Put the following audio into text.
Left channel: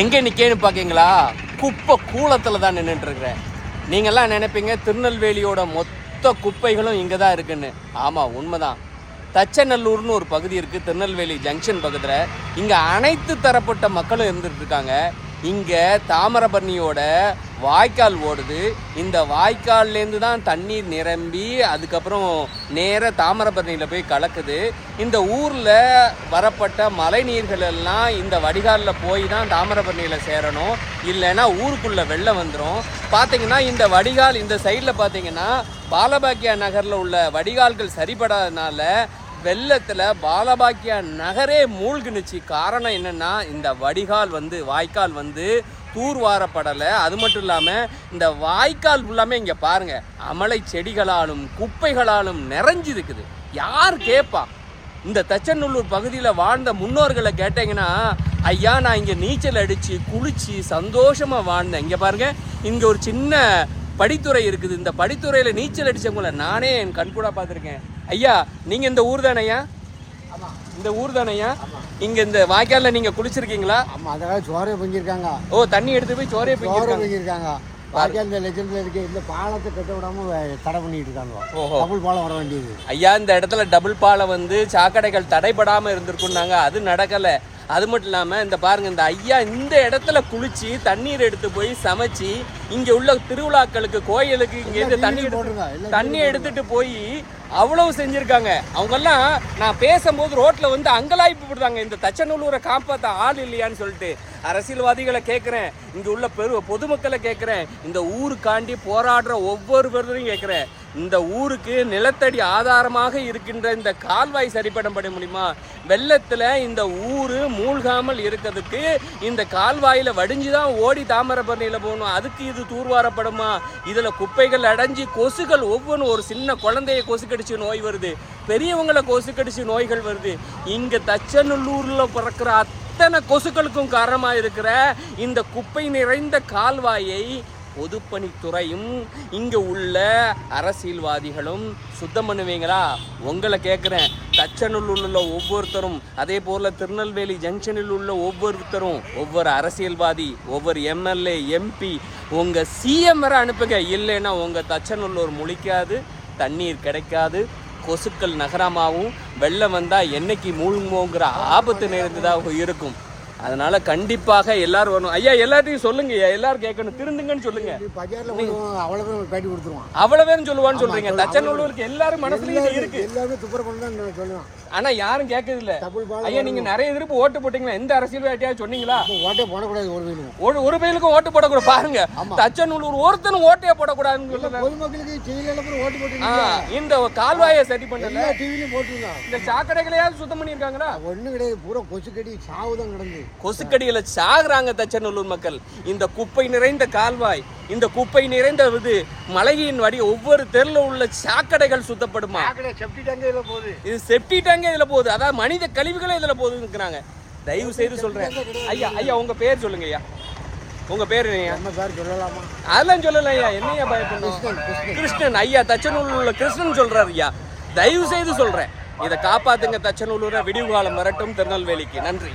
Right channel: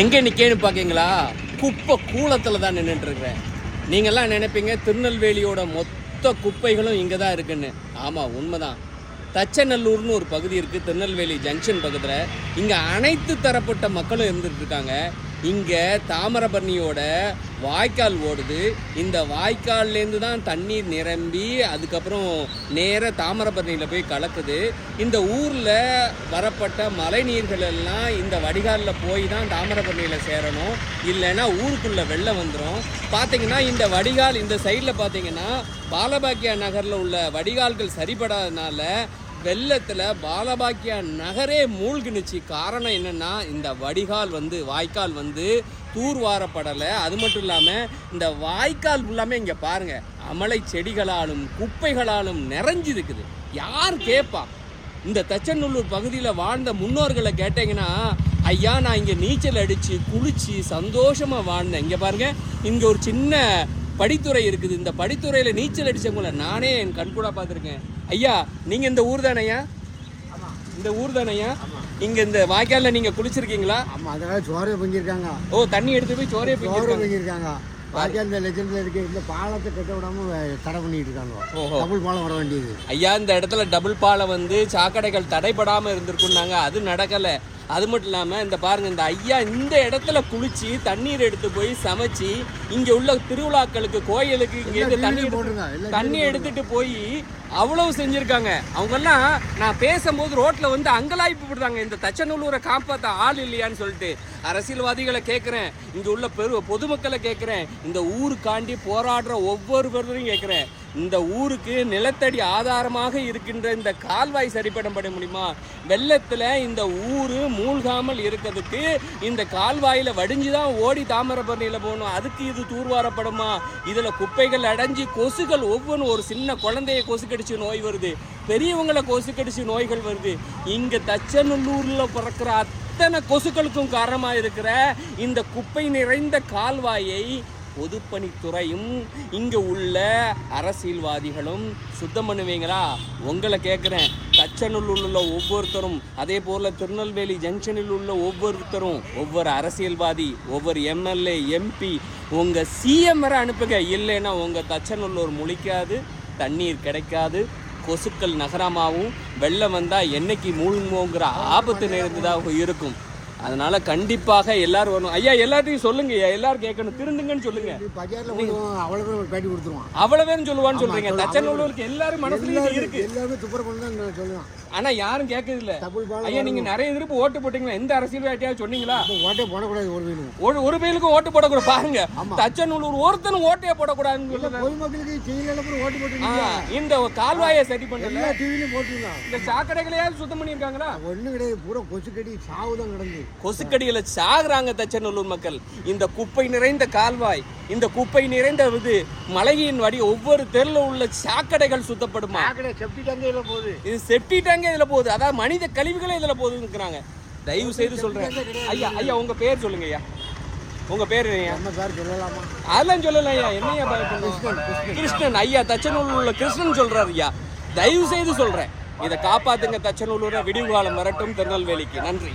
எங்கே நிற்கேன்னு பார்க்கீங்களா? குப்பை கூலத்தில் தான் நின்றுட்டு இருக்கிறேன். நீங்கள்லாம் நினைப்பீங்க திருநெல்வேலியோட மொத்த குப்பைகளும் இங்கே தான் இருக்குன்னு. ஆமாம், உண்மைதான். தச்சநல்லூர்னு ஒரு பகுதி இருக்குது திருநெல்வேலி ஜங்ஷன் பக்கத்தில். இங்கே அனைத்து தரப்பட்ட மக்களும் இருந்துட்டு இருக்காங்க. இங்கே தாமிரபரணியோட வாய்க்கால் ஓடுது. இந்த வாய்க்கால்லேருந்து தான் தண்ணீர் நிரம்பி அதுக்கப்புறம் நேராக தாமிரபரணியில் போய் கலக்குது. இந்த ஊரில் வரப்பட்ட மழை நீர்கள் எல்லாம் இந்த வடிகாலில் போய் தான் தாமிரபரணியில் சேரணும். இல்லைன்னா ஊருக்குள்ளே வெள்ளம் வந்துடும். பார்த்தீங்கன்னா இந்த வடிகால் இந்த சைடில் பார்த்தீங்கன்னா பாலபாக்கியா நகரில் உள்ள வடிகால்கள் சரிபடாதனால வெள்ளத்தில் பாலபாக்கியா நகரே மூழ்கினுச்சு. காரணம் என்னென்னா இந்த வடிகால் வாய்க்கால் தூர்வாரப்படலை. அது மட்டும் இல்லாமல் இந்த வாய்க்கால் ஃபுல்லாமே இங்கே பாருங்கள் அமலை செடிகளாலும் குப்பைகளாலும் நிறைஞ்சிருக்குது. யார் கேட்பா? இந்த தச்சநல்லூர் பகுதியில் வாழ்ந்த முன்னோர்களை கேட்டிங்கன்னா, ஐயா நான் இங்கே நீச்சல் அடித்து குளித்து சந்தோஷமாக வாழ்ந்தேன். இங்கே பாருங்கள், இங்கே ஒரு சின்ன படித்துறை இருக்குது. இந்த படித்துறையில் நீச்சல் அடித்தவங்கள நானே என் கண்கூட பார்த்துருக்கேன். ஐயா நீங்கள் இந்த ஊர் தானையா? இந்த ஊர் தானையா? இங்கே இந்த வாய்க்காலில் நீங்கள் குளிச்சிருக்கீங்களா? ஆமாம், அதாவது சோறையை பொங்கியிருக்காங்க. ஓ, தண்ணி எடுத்து போய் சோறையை பொங்கியிருக்காங்க. வாய்க்கால் இந்த லெஜெண்டில் இருக்கு. இந்த பாலத்தை கட்ட விடாமல் தடை பண்ணிட்டு இருக்காங்க. ஓஹோ, டபுள் பாலம் வர வேண்டியது. ஐயா இந்த இடத்துல டபுள் பாலம் சாக்கடைகள் தடைபடாமல் இருந்திருக்குன்னாங்க. அது நடக்கலை. அது மட்டும் இல்லாமல் இந்த பாருங்க, இந்த ஐயா இந்த இடத்துல குளிச்சு தண்ணீர் எடுத்து போய் சமைச்சு இங்கே உள்ள திருவிழாக்களுக்கு கோயிலுக்கு இங்கேருந்து தண்ணி எடுத்துட்டு போய் அவ்வளவு செஞ்சிருக்காங்க. அவங்கெல்லாம் நான் பேசும்போது ரோட்ல அங்கலாய்ப்பு விடுறாங்க, இந்த தச்சநல்லூரை காப்பாற்ற ஆள் இல்லையான்னு சொல்லிட்டு. அரசியல்வாதிகளை கேட்குறேன், இங்கே உள்ள பொதுமக்களை கேட்குறேன், இந்த ஊருக்காண்டி போராடுற ஒவ்வொருவரையும் கேட்குறேன். இந்த ஊருக்கு நிலத்தடி ஆதாரமாக இருக்கின்ற இந்த கால்வாய் சரிப்பட முடியுமா? வெள்ளத்தில் இந்த ஊர் மூழ்காமல் இருக்கிறதுக்கு இந்த கால்வாயில் வடிஞ்சுதான் ஓடி தாமிரபரணியில் போகணும். அதுக்கு இது தூர்வாரப்படுமா? இதில் குப்பைகள் அடைஞ்சி கொசுகள் ஒவ்வொன்றும், ஒரு சின்ன குழந்தைய கொசு கடிச்சு நோய் வருது, பெரியவங்களை கொசு கடிச்சு நோய்கள் வருது. இங்கே தச்சநல்லூரில் பிறக்கிற அத்தனை கொசுக்களுக்கும் காரணமாக இருக்கிற இந்த குப்பை நிறைந்த கால்வாயை பொதுப்பணித்துறையும் இங்கே உள்ள அரசியல்வாதிகளும் சுத்தம் பண்ணுவீங்களா? உங்களை கேட்குறேன். தச்சநல்லூரில் உள்ள ஒவ்வொருத்தரும், அதே போல் திருநெல்வேலி ஜங்ஷனில் உள்ள ஒவ்வொருத்தரும், ஒவ்வொரு அரசியல்வாதி, ஒவ்வொரு எம்எல்ஏ எம்பி உங்கள் சிஎம் வரை அனுப்புங்க. இல்லைன்னா உங்கள் தச்சநல்லூர் முழிக்காது, தண்ணீர் கிடைக்காது, கொசுக்கள் நகரமாகவும் வெள்ளம் வந்தால் என்னைக்கு மூழ்குமோங்கிற ஆபத்து நேர்ந்துதான் இருக்கும். அதனால கண்டிப்பாக எல்லாரும் வரணும். ஐயா எல்லாத்தையும் சொல்லுங்க, எல்லாரும் கேட்கணும், திருந்துங்கன்னு சொல்லுங்க. அவ்வளவேன்னு சொல்லுவான்னு சொல்றீங்க. தச்சநல்லூருக்கு எல்லாரும் மனசுலயும் இருக்கு, ஆனா யாரும் கேட்கறது இல்ல. ஐயா நீங்க நிறைய திருப்பு ஓட்டு போட்டீங்களா? எந்த அரசியல்வாதியாவது சொன்னீங்களா? ஓட்டே போடக்கூடாது, ஒரு பயிலுக்கும் ஓட்டு போடக்கூடாது. பாருங்க, தச்சநல்லூர் ஒருத்தனும் ஓட்டே போடக்கூடாதுன்னு இந்த கால்வாயை சரி பண்ணல, இந்த சாக்கடைகளையாவது சுத்தம் பண்ணிருக்காங்களா? ஒண்ணு கிடையாது, பூரா கொசுக்கடி சாவுதான் கிடந்து. கொசுக்கடியில சாகுறாங்க தச்சநல்லூர் மக்கள். இந்த குப்பை நிறைந்த கால்வாய், இந்த குப்பை நிறைந்த மழையின் வடி ஒவ்வொரு தெருல உள்ள சாக்கடைகள் சுத்தப்படுமா? இது செப்டி டேங்கே இதுல போகுது. அதாவது மனித கழிவுகளே இதுல போகுதுங்கிறாங்க. தயவு செய்து சொல்றேன். ஐயா ஐயா உங்க பேர் சொல்லுங்க ஐயா. உங்க பேரு அதெல்லாம் சொல்லல ஐயா. என்னையா பயப்படணும்? கிருஷ்ணன் ஐயா, தச்சநல்லூர்ல கிருஷ்ணன் சொல்றாரு ஐயா. தயவு செய்து சொல்றேன், இதை காப்பாத்துங்க. தச்சநல்லூரை விடிவு காலம் வரட்டும் திருநெல்வேலிக்கு. நன்றி.